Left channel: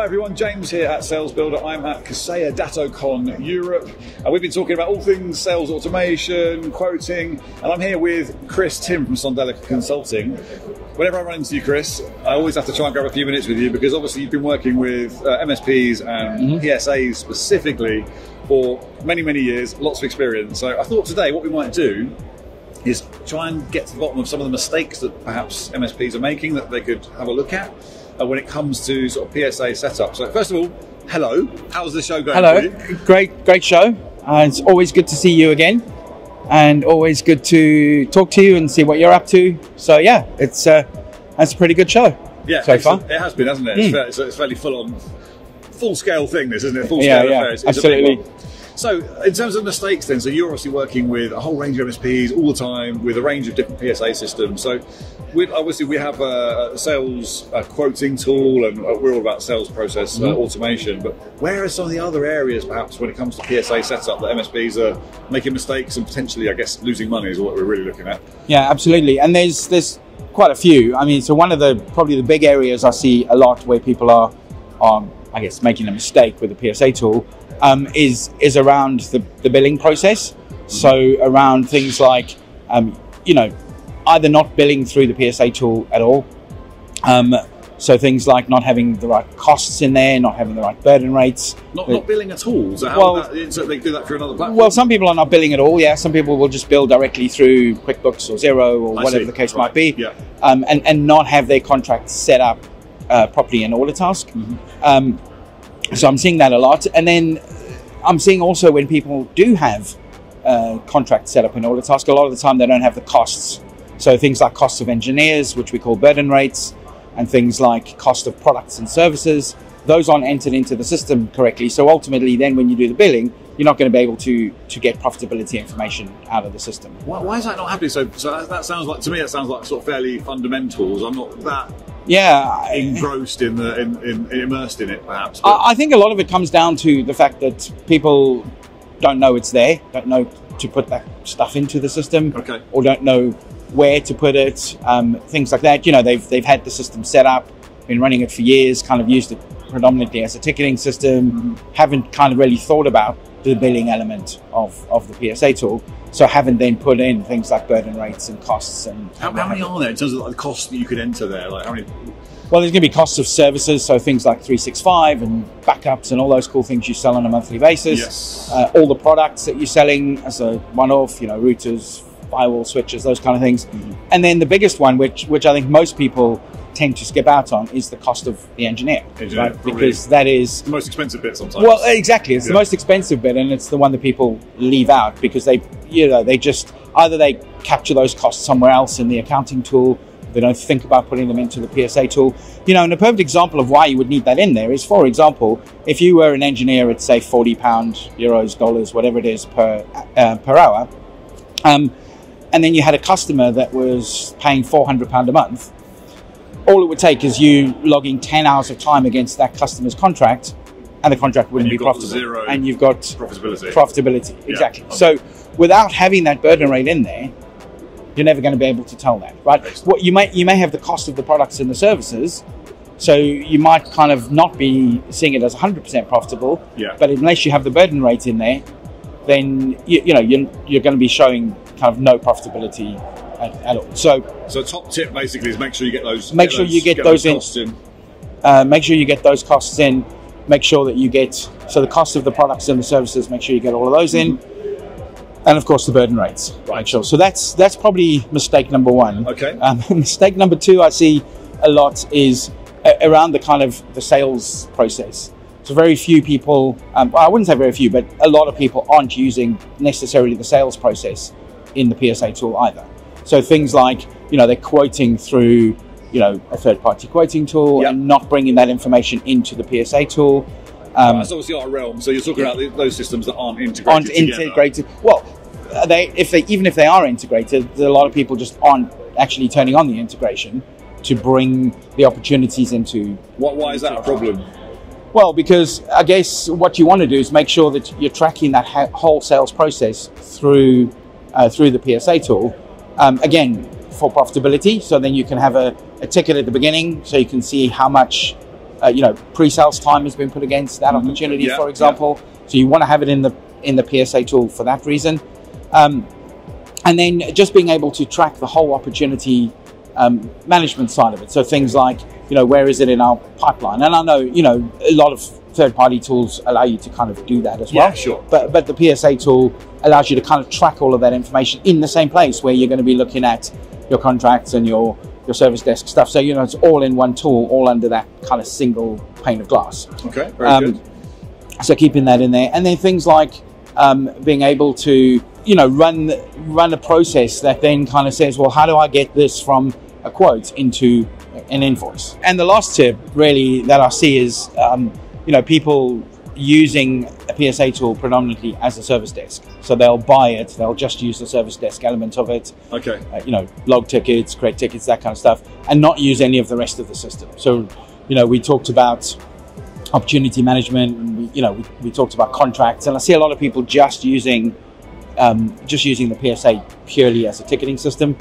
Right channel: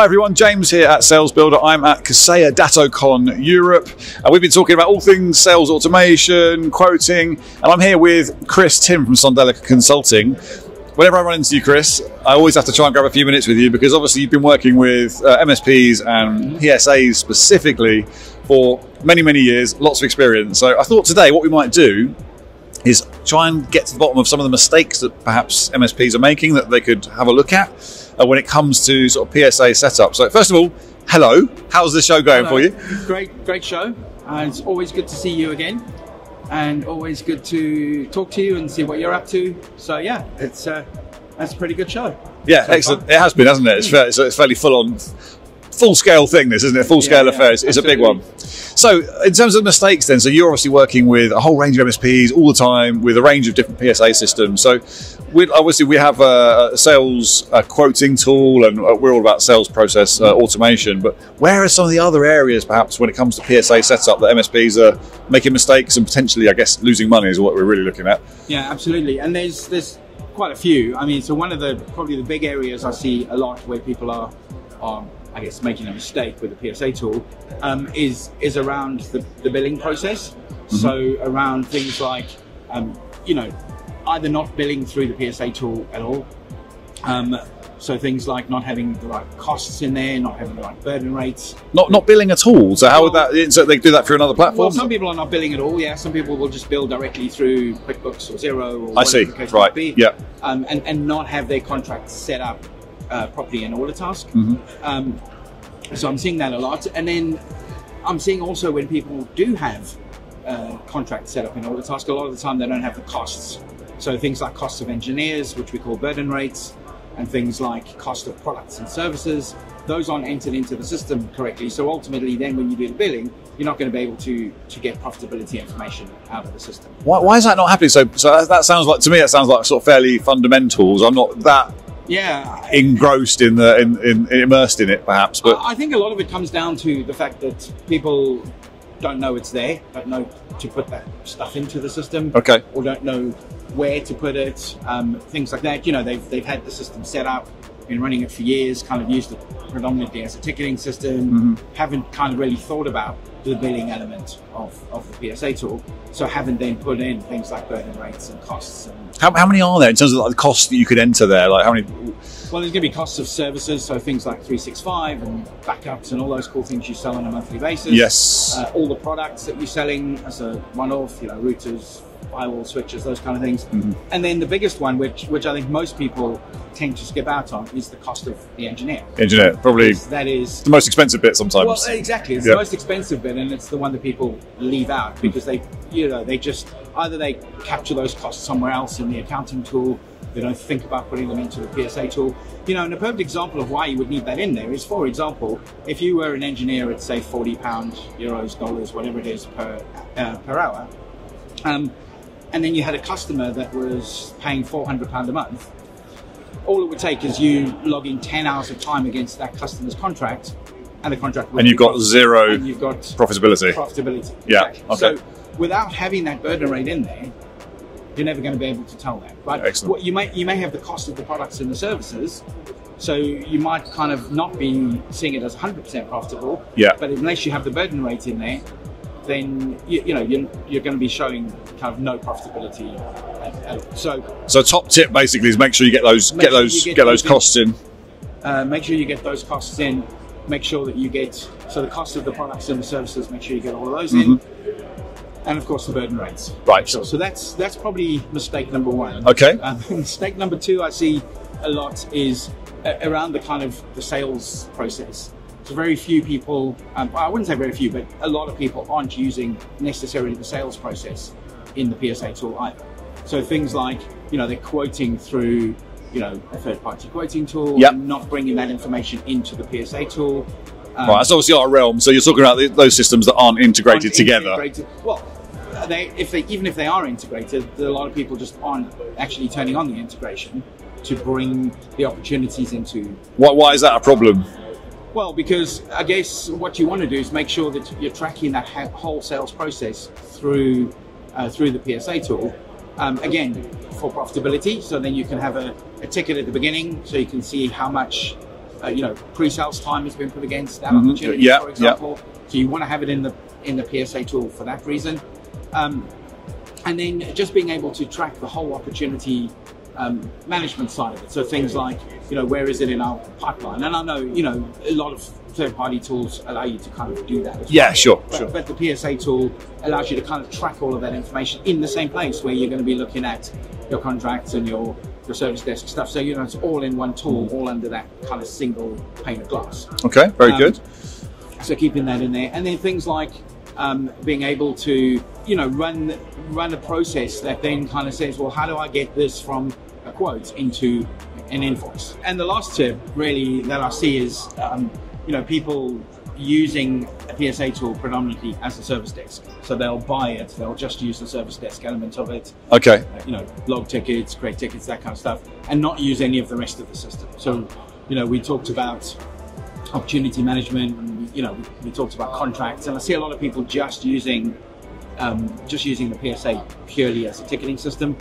Hi everyone, James here at Sales Builder. I'm at Kaseya DattoCon Europe, and we've been talking about all things sales automation, quoting, and I'm here with Chris, Timm from Sondela Consulting. Whenever I run into you, Chris, I always have to try and grab a few minutes with you because obviously you've been working with MSPs and PSAs specifically for many, many years, lots of experience. So I thought today what we might do is try and get to the bottom of some of the mistakes that perhaps MSPs are making that they could have a look at when it comes to sort of PSA setup. So first of all, hello. How's the show going for you? Great show. It's always good to see you again, and always good to talk to you and see what you're up to. So yeah, that's a pretty good show. Yeah, so excellent. It has been, hasn't it? It's fairly full-scale thing, this, isn't it? Full-scale affair. It's a big one. So in terms of mistakes then, so you're obviously working with a whole range of MSPs all the time with a range of different PSA systems. So obviously we have a sales quoting tool, and we're all about sales process automation, but where are some of the other areas perhaps when it comes to PSA setup that MSPs are making mistakes and potentially, I guess, losing money is what we're really looking at? Yeah, absolutely. And there's quite a few. I mean, so one of probably the big areas I see a lot where people are I guess making a mistake with the PSA tool is around the billing process. So around things like either not billing through the PSA tool at all. So things like not having the right costs in there, not having the right burden rates. Not billing at all. So how about, so they do that through another platform? Well, some people are not billing at all. Yeah, some people will just bill directly through QuickBooks or Xero or whatever the case might be. Yeah. And not have their contract set up properly in Autotask. So I'm seeing that a lot. And then I'm seeing also when people do have contracts set up in Autotask, a lot of the time they don't have the costs. So things like costs of engineers, which we call burden rates, and things like cost of products and services, those aren't entered into the system correctly. So ultimately then when you do the billing, you're not going to be able to get profitability information out of the system. Why is that not happening? So that sounds like, to me, that sounds like sort of fairly fundamentals. I'm not that engrossed immersed in it, perhaps. But I think a lot of it comes down to the fact that people don't know it's there, don't know to put that stuff into the system, or don't know where to put it, things like that. They've had the system set up, been running it for years, kind of used it predominantly as a ticketing system, haven't kind of really thought about the billing element of the PSA tool, so haven't then put in things like burden rates and costs. And how many are there in terms of the costs that you could enter there? Like how many? Well, there's going to be costs of services, so things like 365 and backups and all those cool things you sell on a monthly basis. Yes. All the products that you're selling as a one-off, routers, firewall switches, those kind of things. And then the biggest one, which I think most people tend to skip out on, is the cost of the engineer. Probably that is the most expensive bit sometimes. Well, exactly, it's the most expensive bit, and it's the one that people leave out because they just either they capture those costs somewhere else in the accounting tool. They don't think about putting them into the PSA tool. And a perfect example of why you would need that in there is, for example, if you were an engineer at say £40, euros, dollars, whatever it is per hour, and then you had a customer that was paying £400 a month. All it would take is you logging 10 hours of time against that customer's contract, and the contract would be zero, and you've got profitability. Yeah. Exactly. Okay. So without having that burden rate in there, you're never going to be able to tell that, right? Excellent. What you may have the cost of the products and the services, so you might kind of not be seeing it as 100% profitable. Yeah. But unless you have the burden rate in there, then you're going to be showing kind of no profitability at all. So top tip basically is make sure you get those costs in. Make sure you get those costs in. Make sure that you get the cost of the products and the services. Make sure you get all of those in. And of course the burden rates. Right. Sure. So that's probably mistake number one. Okay. Mistake number two I see a lot is around the kind of the sales process. So very few people, I wouldn't say very few, but a lot of people aren't using necessarily the sales process in the PSA tool either. So things like, they're quoting through, a third-party quoting tool and not bringing that information into the PSA tool. That's obviously our realm. So you're talking about those systems that aren't integrated together. Well, even if they are integrated, a lot of people just aren't actually turning on the integration to bring the opportunities into. Why is that a problem? Well, because I guess what you want to do is make sure that you're tracking that whole sales process through the PSA tool. Again, for profitability, so then you can have a ticket at the beginning, so you can see how much pre-sales time has been put against that opportunity, for example. So you want to have it in the PSA tool for that reason. And then just being able to track the whole opportunity management side of it. So things like, where is it in our pipeline? And I know, a lot of third-party tools allow you to kind of do that as well. Yeah, sure. But the PSA tool allows you to kind of track all of that information in the same place where you're going to be looking at your contracts and your service desk stuff. So, it's all in one tool, all under that kind of single pane of glass. Okay, very good. So keeping that in there. And then things like being able to, run a process that then kind of says, well, how do I get this from a quote into an invoice? And the last tip really that I see is, people using a PSA tool predominantly as a service desk. So they'll buy it, they'll just use the service desk element of it. Okay. Log tickets, create tickets, that kind of stuff, and not use any of the rest of the system. So, we talked about opportunity management, and we talked about contracts, and I see a lot of people just using the PSA purely as a ticketing system,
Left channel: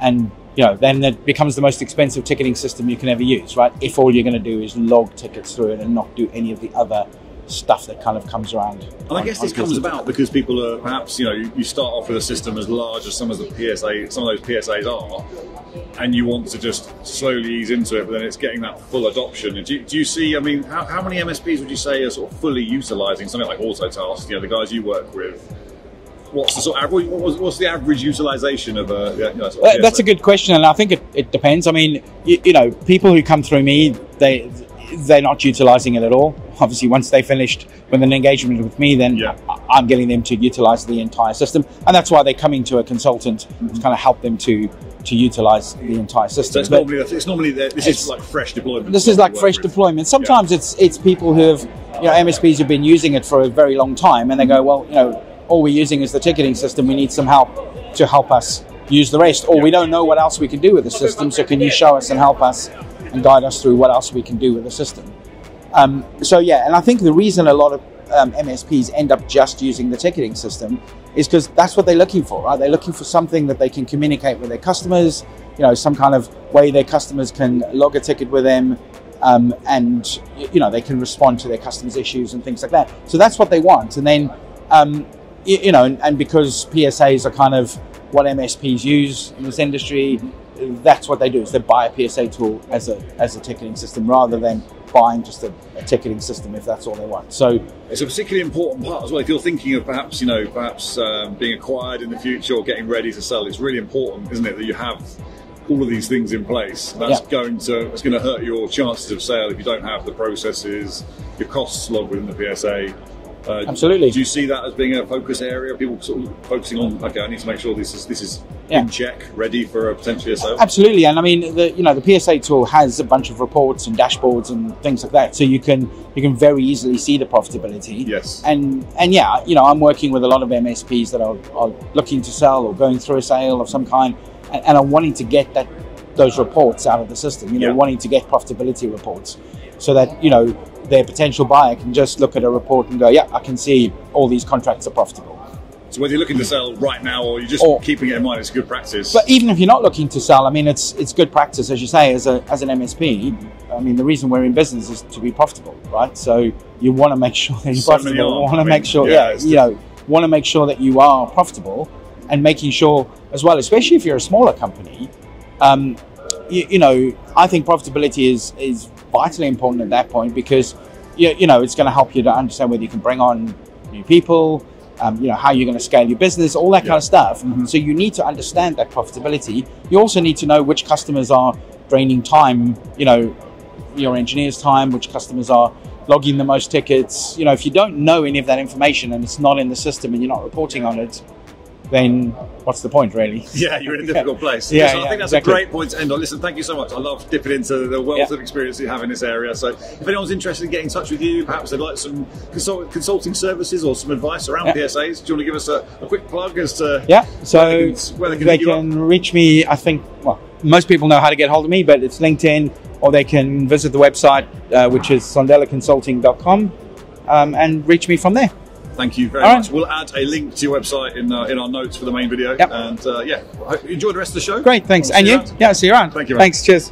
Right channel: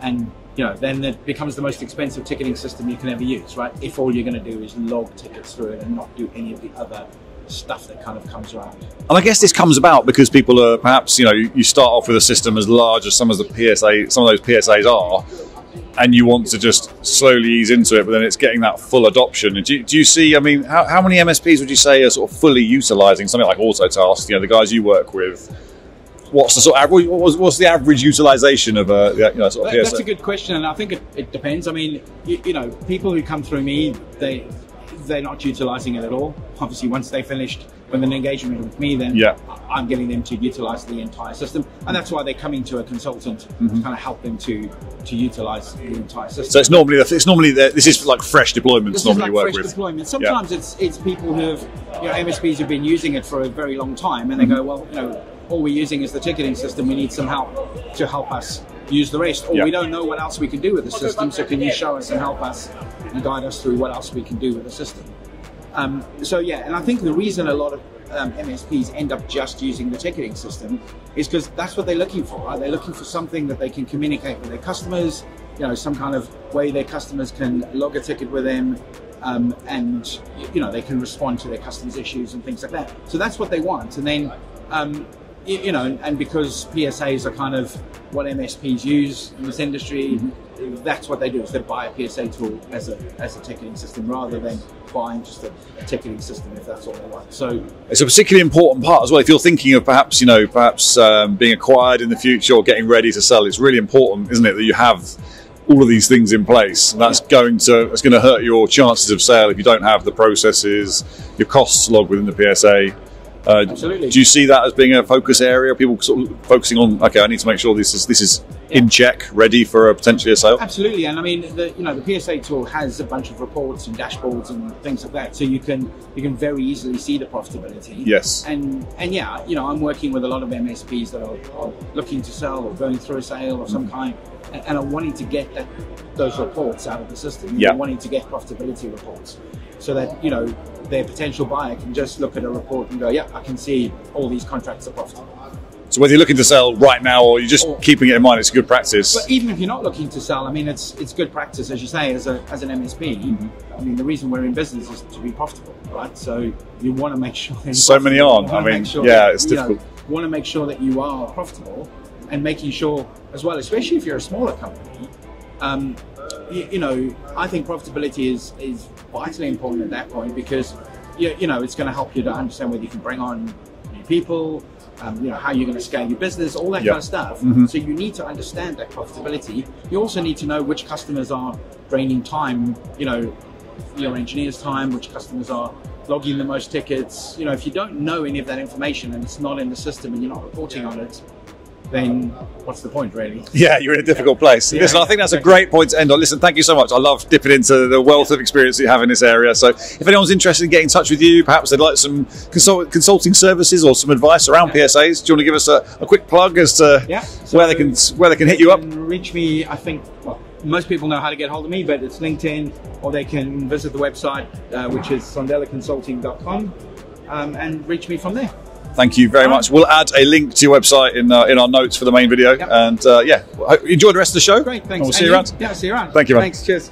and then it becomes the most expensive ticketing system you can ever use, right? If all you're going to do is log tickets through it and not do any of the other stuff that kind of comes around. And I guess this comes about because people are perhaps, you start off with a system as large as some of those PSAs are, and you want to just slowly ease into it, but then it's getting that full adoption. Do you see, how many MSPs would you say are sort of fully utilizing something like Autotask, the guys you work with? What's the what's the average utilization of a sort of PSA? That's a good question, and I think it depends. People who come through me, they're not utilizing it at all. Obviously, once they finished with an engagement with me, then I'm getting them to utilize the entire system, and that's why they're coming to a consultant to kind of help them to utilize the entire system. So this is like fresh deployment. This is like fresh deployment. Sometimes it's people who have MSPs who've been using it for a very long time, and they go, well, all we're using is the ticketing system. We need some help to help us use the rest, or we don't know what else we can do with the system. So can you show us and help us and guide us through what else we can do with the system? And I think the reason a lot of MSPs end up just using the ticketing system is because that's what they're looking for, right? They're looking for something that they can communicate with their customers, some kind of way their customers can log a ticket with them, and they can respond to their customers' issues and things like that. So that's what they want. And then and because PSAs are kind of what MSPs use in this industry, that's what they do, is they buy a PSA tool as a ticketing system rather than buying just a ticketing system if that's all they want. So it's a particularly important part as well. If you're thinking of perhaps being acquired in the future or getting ready to sell, it's really important, isn't it, that you have all of these things in place. That's going to hurt your chances of sale if you don't have the processes, your costs logged within the PSA. Absolutely. Do you see that as being a focus area? People sort of focusing on, okay, I need to make sure this is in check, ready for potentially a sale. Absolutely, and the PSA tool has a bunch of reports and dashboards and things like that, so you can very easily see the profitability. Yes. And I'm working with a lot of MSPs that are looking to sell or going through a sale of some kind, and are wanting to get those reports out of the system. They're wanting to get profitability reports, so that their potential buyer can just look at a report and go, yeah, I can see all these contracts are profitable. So whether you're looking to sell right now or you're just keeping it in mind, it's good practice. But even if you're not looking to sell, it's good practice, as you say, as an MSP. The reason we're in business is to be profitable, right? So you want to make sure that you're profitable. You want to make sure that you are profitable, and making sure as well, especially if you're a smaller company, I think profitability is vitally important at that point, because it's going to help you to understand whether you can bring on new people, how you're going to scale your business, all that kind of stuff. So you need to understand that profitability. You also need to know which customers are draining time, your engineers' time, which customers are logging the most tickets. If you don't know any of that information and it's not in the system and you're not reporting on it, then what's the point, really? Yeah, you're in a difficult place. Listen, I think that's a great point to end on. Listen, thank you so much. I love dipping into the wealth of experience that you have in this area. So if anyone's interested in getting in touch with you, perhaps they'd like some consulting services or some advice around PSAs, do you want to give us a quick plug as to where they can hit you up? They can reach me, I think, most people know how to get hold of me, but it's LinkedIn, or they can visit the website, which is sondelaconsulting.com, and reach me from there. Thank you very much. We'll add a link to your website in our notes for the main video. And enjoy the rest of the show. Great, thanks. We'll see you around. Yeah, see you around. Thank you, man. Thanks, cheers.